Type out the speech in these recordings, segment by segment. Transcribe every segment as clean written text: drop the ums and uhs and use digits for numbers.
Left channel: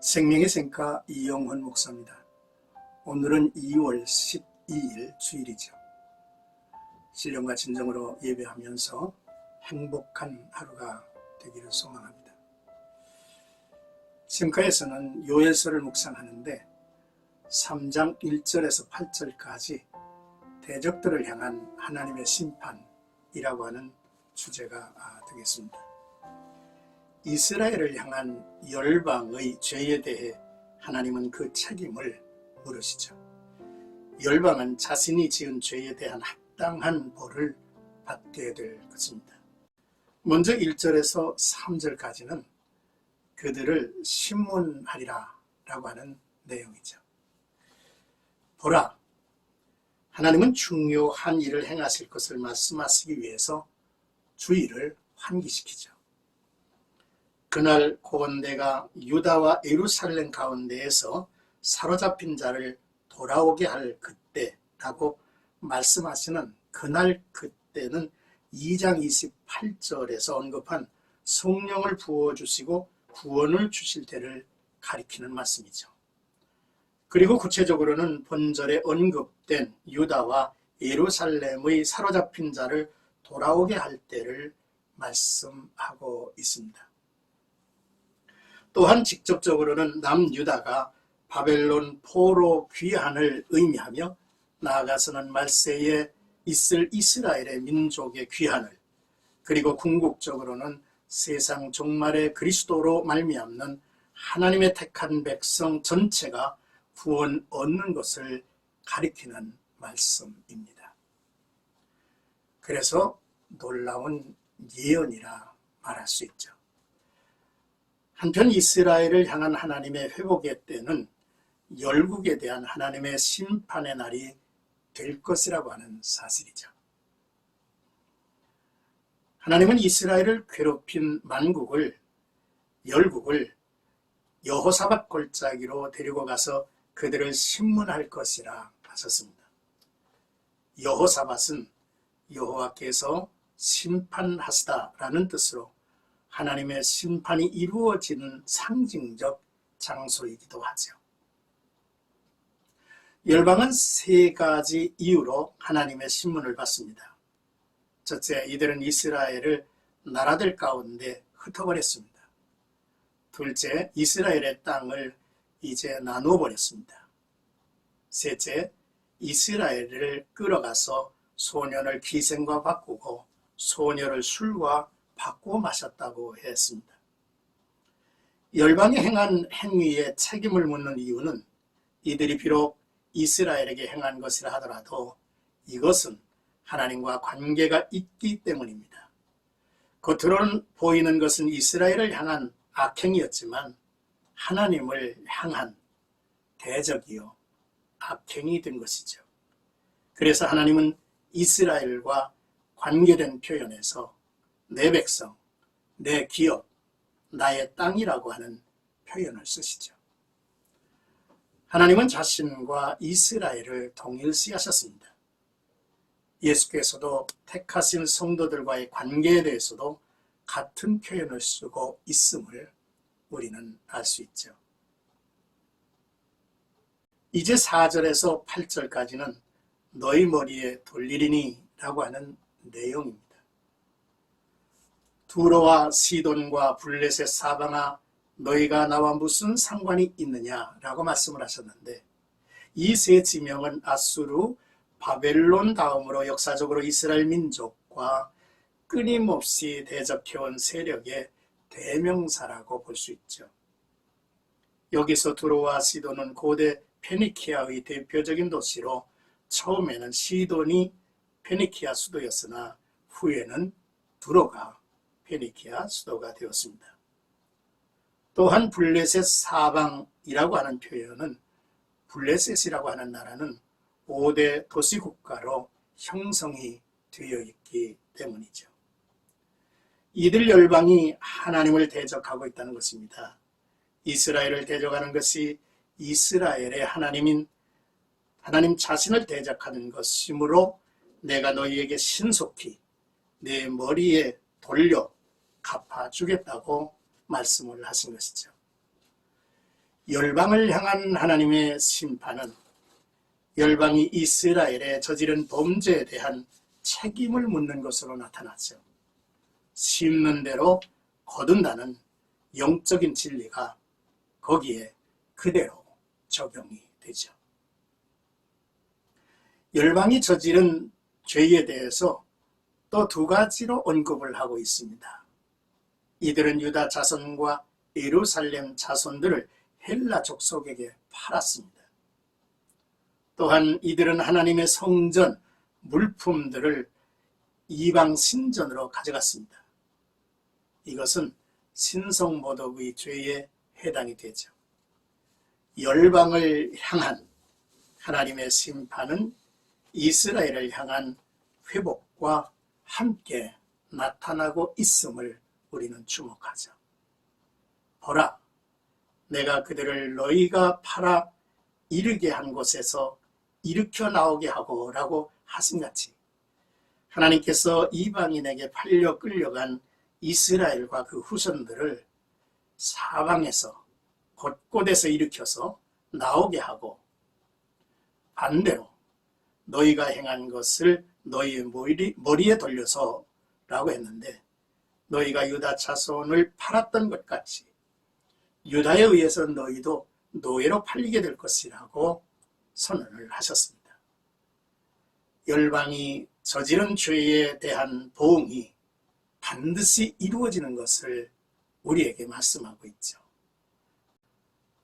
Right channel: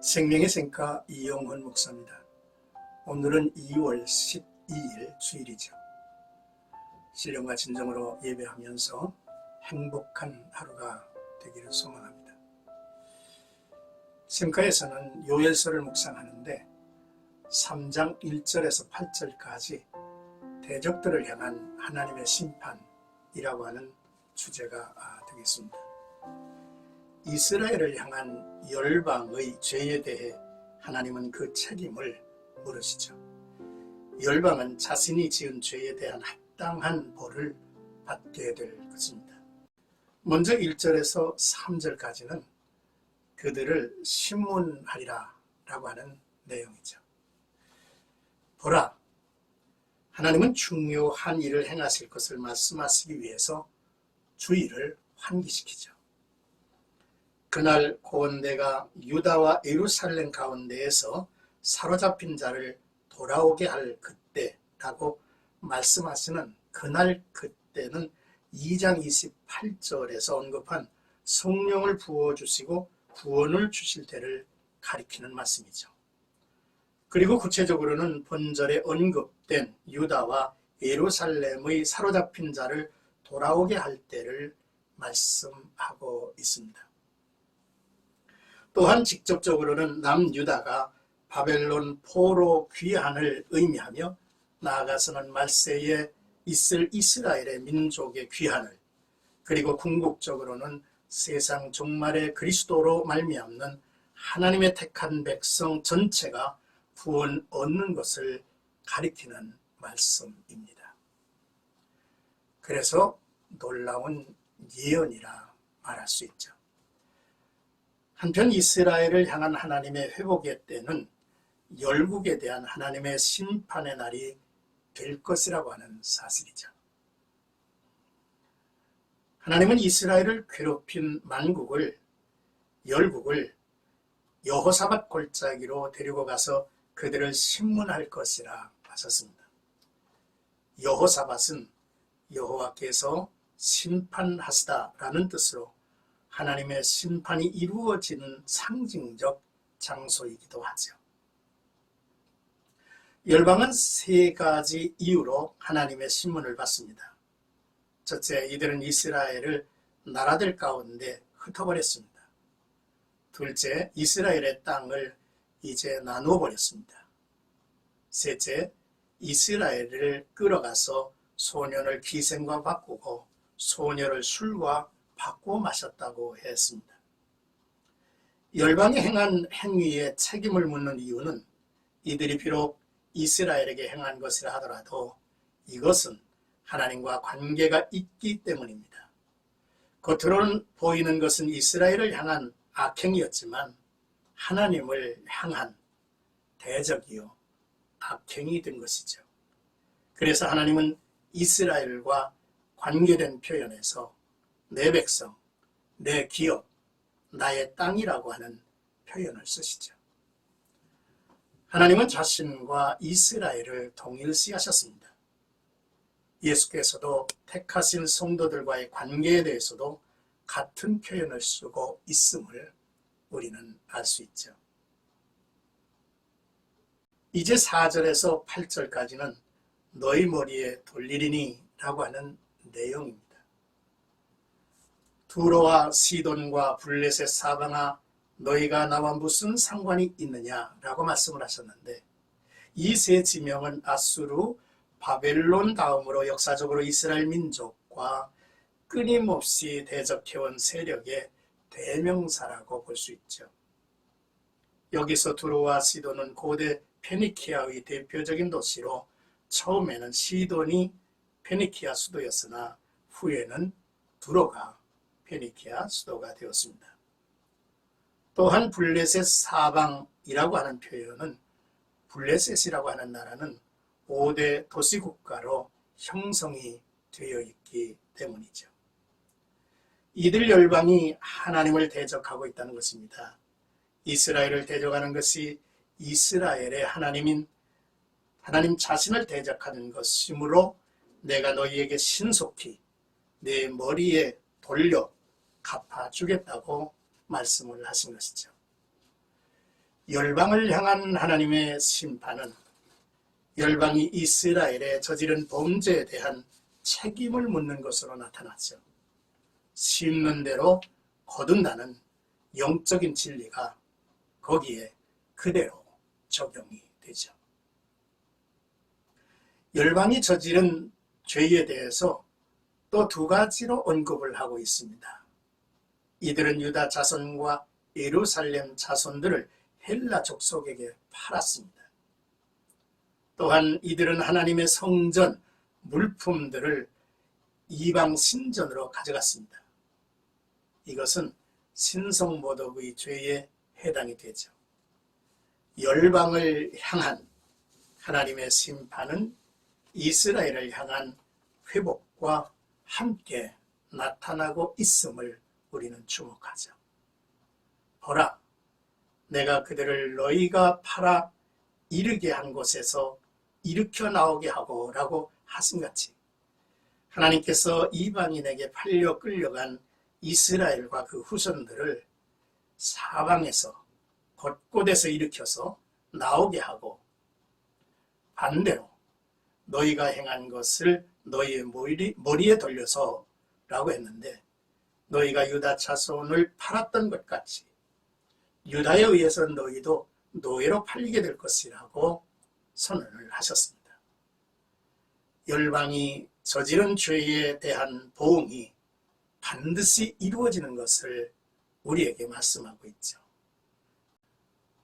생명의 생가 이영훈 목사입니다. 오늘은 2월 12일 주일이죠. 신령과 진정으로 예배하면서 행복한 하루가 되기를 소망합니다. 생가에서는 요엘서를 묵상하는데 3장 1절에서 8절까지 대적들을 향한 하나님의 심판이라고 하는 주제가 되겠습니다. 이스라엘을 향한 열방의 죄에 대해 하나님은 그 책임을 물으시죠. 열방은 자신이 지은 죄에 대한 합당한 벌을 받게 될 것입니다. 먼저 1절에서 3절까지는 그들을 심문하리라 라고 하는 내용이죠. 보라, 하나님은 중요한 일을 행하실 것을 말씀하시기 위해서 주의를 환기시키죠. 그날 고온대가 유다와 예루살렘 가운데에서 사로잡힌 자를 돌아오게 할 그때라고 말씀하시는 그날 그때는 2장 28절에서 언급한 성령을 부어주시고 구원을 주실 때를 가리키는 말씀이죠. 그리고 구체적으로는 본절에 언급된 유다와 예루살렘의 사로잡힌 자를 돌아오게 할 때를 말씀하고 있습니다. 또한 직접적으로는 남유다가 바벨론 포로 귀환을 의미하며 나아가서는 말세에 있을 이스라엘의 민족의 귀환을, 그리고 궁극적으로는 세상 종말의 그리스도로 말미암는 하나님의 택한 백성 전체가 구원 얻는 것을 가리키는 말씀입니다. 그래서 놀라운 예언이라 말할 수 있죠. 한편 이스라엘을 향한 하나님의 회복의 때는 열국에 대한 하나님의 심판의 날이 될 것이라고 하는 사실이죠. 하나님은 이스라엘을 괴롭힌 열국을 여호사밧 골짜기로 데리고 가서 그들을 심문할 것이라 하셨습니다. 여호사밧은 여호와께서 심판하시다라는 뜻으로 하나님의 심판이 이루어지는 상징적 장소이기도 하죠. 열방은 세 가지 이유로 하나님의 심문을 받습니다. 첫째, 이들은 이스라엘을 나라들 가운데 흩어버렸습니다. 둘째, 이스라엘의 땅을 이제 나누어 버렸습니다. 셋째, 이스라엘을 끌어가서 소년을 기생과 바꾸고 소녀를 술과 바꾸어 마셨다고 했습니다. 열방이 행한 행위에 책임을 묻는 이유는 이들이 비록 이스라엘에게 행한 것이라 하더라도 이것은 하나님과 관계가 있기 때문입니다. 겉으로는 보이는 것은 이스라엘을 향한 악행이었지만 하나님을 향한 대적이요 악행이 된 것이죠. 그래서 하나님은 이스라엘과 관계된 표현에서 내 백성, 내 기업, 나의 땅이라고 하는 표현을 쓰시죠. 하나님은 자신과 이스라엘을 동일시하셨습니다. 예수께서도 택하신 성도들과의 관계에 대해서도 같은 표현을 쓰고 있음을 우리는 알 수 있죠. 이제 4절에서 8절까지는 너희 머리에 돌리리니 라고 하는 내용입니다. 두로와 시돈과 블레셋 사방아, 너희가 나와 무슨 상관이 있느냐라고 말씀을 하셨는데, 이 세 지명은 아수르, 바벨론 다음으로 역사적으로 이스라엘 민족과 끊임없이 대적해온 세력의 대명사라고 볼 수 있죠. 여기서 두로와 시돈은 고대 페니키아의 대표적인 도시로 처음에는 시돈이 페니키아 수도였으나 후에는 두로가 페니키아 수도가 되었습니다. 또한 블레셋 사방이라고 하는 표현은 블레셋이라고 하는 나라는 5대 도시국가로 형성이 되어 있기 때문이죠. 이들 열방이 하나님을 대적하고 있다는 것입니다. 이스라엘을 대적하는 것이 이스라엘의 하나님인 하나님 자신을 대적하는 것이므로 내가 너희에게 신속히 내 머리에 돌려 갚아주겠다고 말씀을 하신 것이죠. 열방을 향한 하나님의 심판은 열방이 이스라엘에 저지른 범죄에 대한 책임을 묻는 것으로 나타났죠. 심는 대로 거둔다는 영적인 진리가 거기에 그대로 적용이 되죠. 열방이 저지른 죄에 대해서 또 두 가지로 언급을 하고 있습니다. 이들은 유다 자손과 예루살렘 자손들을 헬라 족속에게 팔았습니다. 또한 이들은 하나님의 성전 물품들을 이방 신전으로 가져갔습니다. 이것은 신성모독의 죄에 해당이 되죠. 열방을 향한 하나님의 심판은 이스라엘을 향한 회복과 함께 나타나고 있음을 우리는 주목하죠. 보라, 내가 그들을 너희가 팔아 이르게 한 곳에서 일으켜 나오게 하고 라고 하신같이 하나님께서 이방인에게 팔려 끌려간 이스라엘과 그 후손들을 사방에서 곳곳에서 일으켜서 나오게 하고 반대로 너희가 행한 것을 너희의 머리에 돌려서 라고 했는데 너희가 유다 자손을 팔았던 것 같이 유다에 의해서 너희도 노예로 팔리게 될 것이라고 선언을 하셨습니다. 열방이 저지른 죄에 대한 보응이 반드시 이루어지는 것을 우리에게 말씀하고 있죠.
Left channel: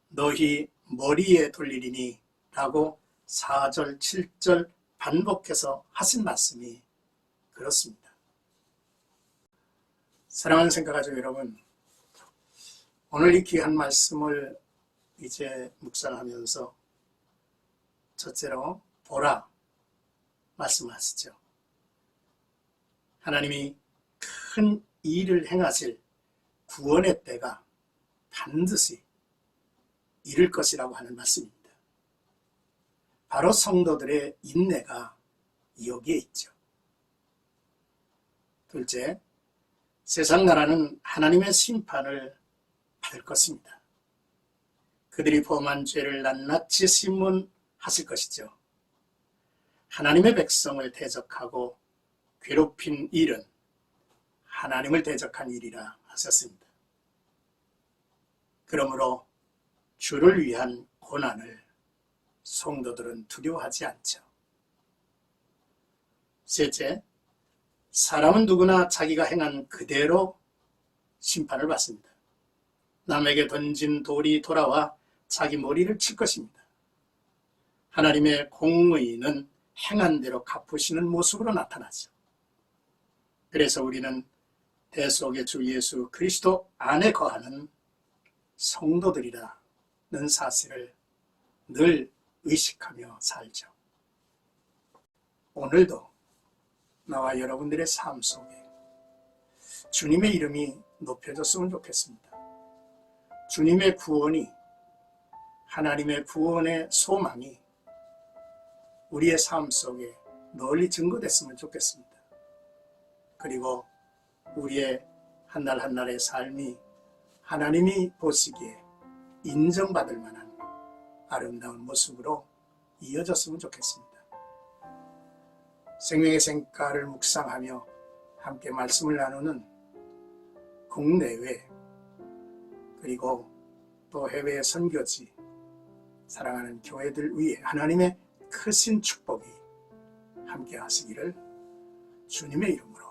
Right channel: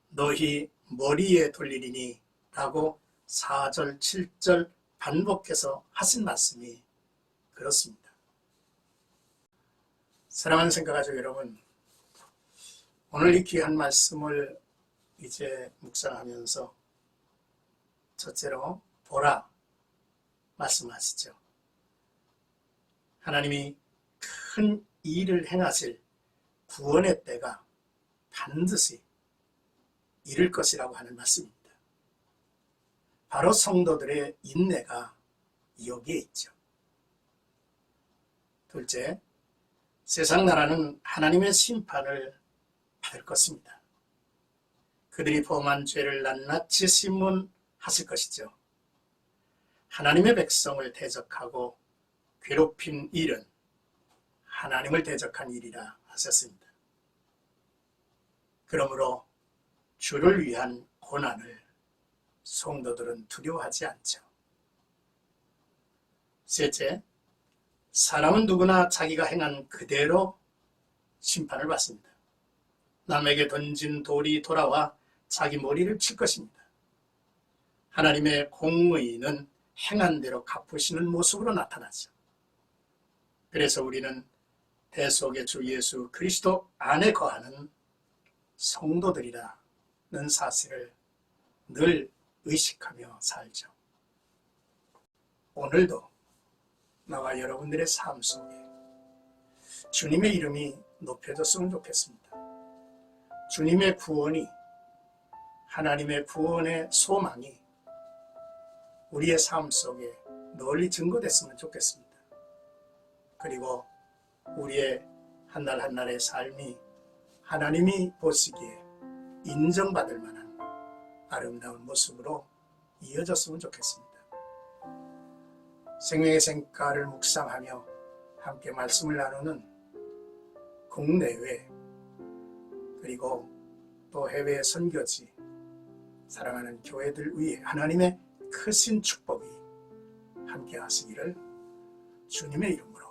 너희 머리에 돌리리니 라고 4절, 7절 반복해서 하신 말씀이 그렇습니다. 사랑하는 생각가족 여러분, 오늘 이 귀한 말씀을 이제 묵상하면서 첫째로 보라 말씀하시죠. 하나님이 큰 일을 행하실 구원의 때가 반드시 이를 것이라고 하는 말씀입니다. 바로 성도들의 인내가 여기에 있죠. 둘째, 세상 나라는 하나님의 심판을 받을 것입니다. 그들이 범한 죄를 낱낱이 심문하실 것이죠. 하나님의 백성을 대적하고 괴롭힌 일은 하나님을 대적한 일이라 하셨습니다. 그러므로 주를 위한 고난을 성도들은 두려워하지 않죠. 셋째, 사람은 누구나 자기가 행한 그대로 심판을 받습니다. 남에게 던진 돌이 돌아와 자기 머리를 칠 것입니다. 하나님의 공의는 행한 대로 갚으시는 모습으로 나타나죠. 그래서 우리는 대속의 주 예수 그리스도 안에 거하는 성도들이라는 사실을 늘 의식하며 살죠. 오늘도 나와 여러분들의 삶 속에 주님의 이름이 높여졌으면 좋겠습니다. 주님의 구원이, 하나님의 구원의 소망이 우리의 삶 속에 널리 증거됐으면 좋겠습니다. 그리고 우리의 한 날 한 날의 삶이 하나님이 보시기에 인정받을 만한 아름다운 모습으로 이어졌으면 좋겠습니다. 생명의 샘가를 묵상하며 함께 말씀을 나누는 국내외 그리고 또 해외 선교지 사랑하는 교회들 위해 하나님의 크신 축복이 함께 하시기를 주님의 이름으로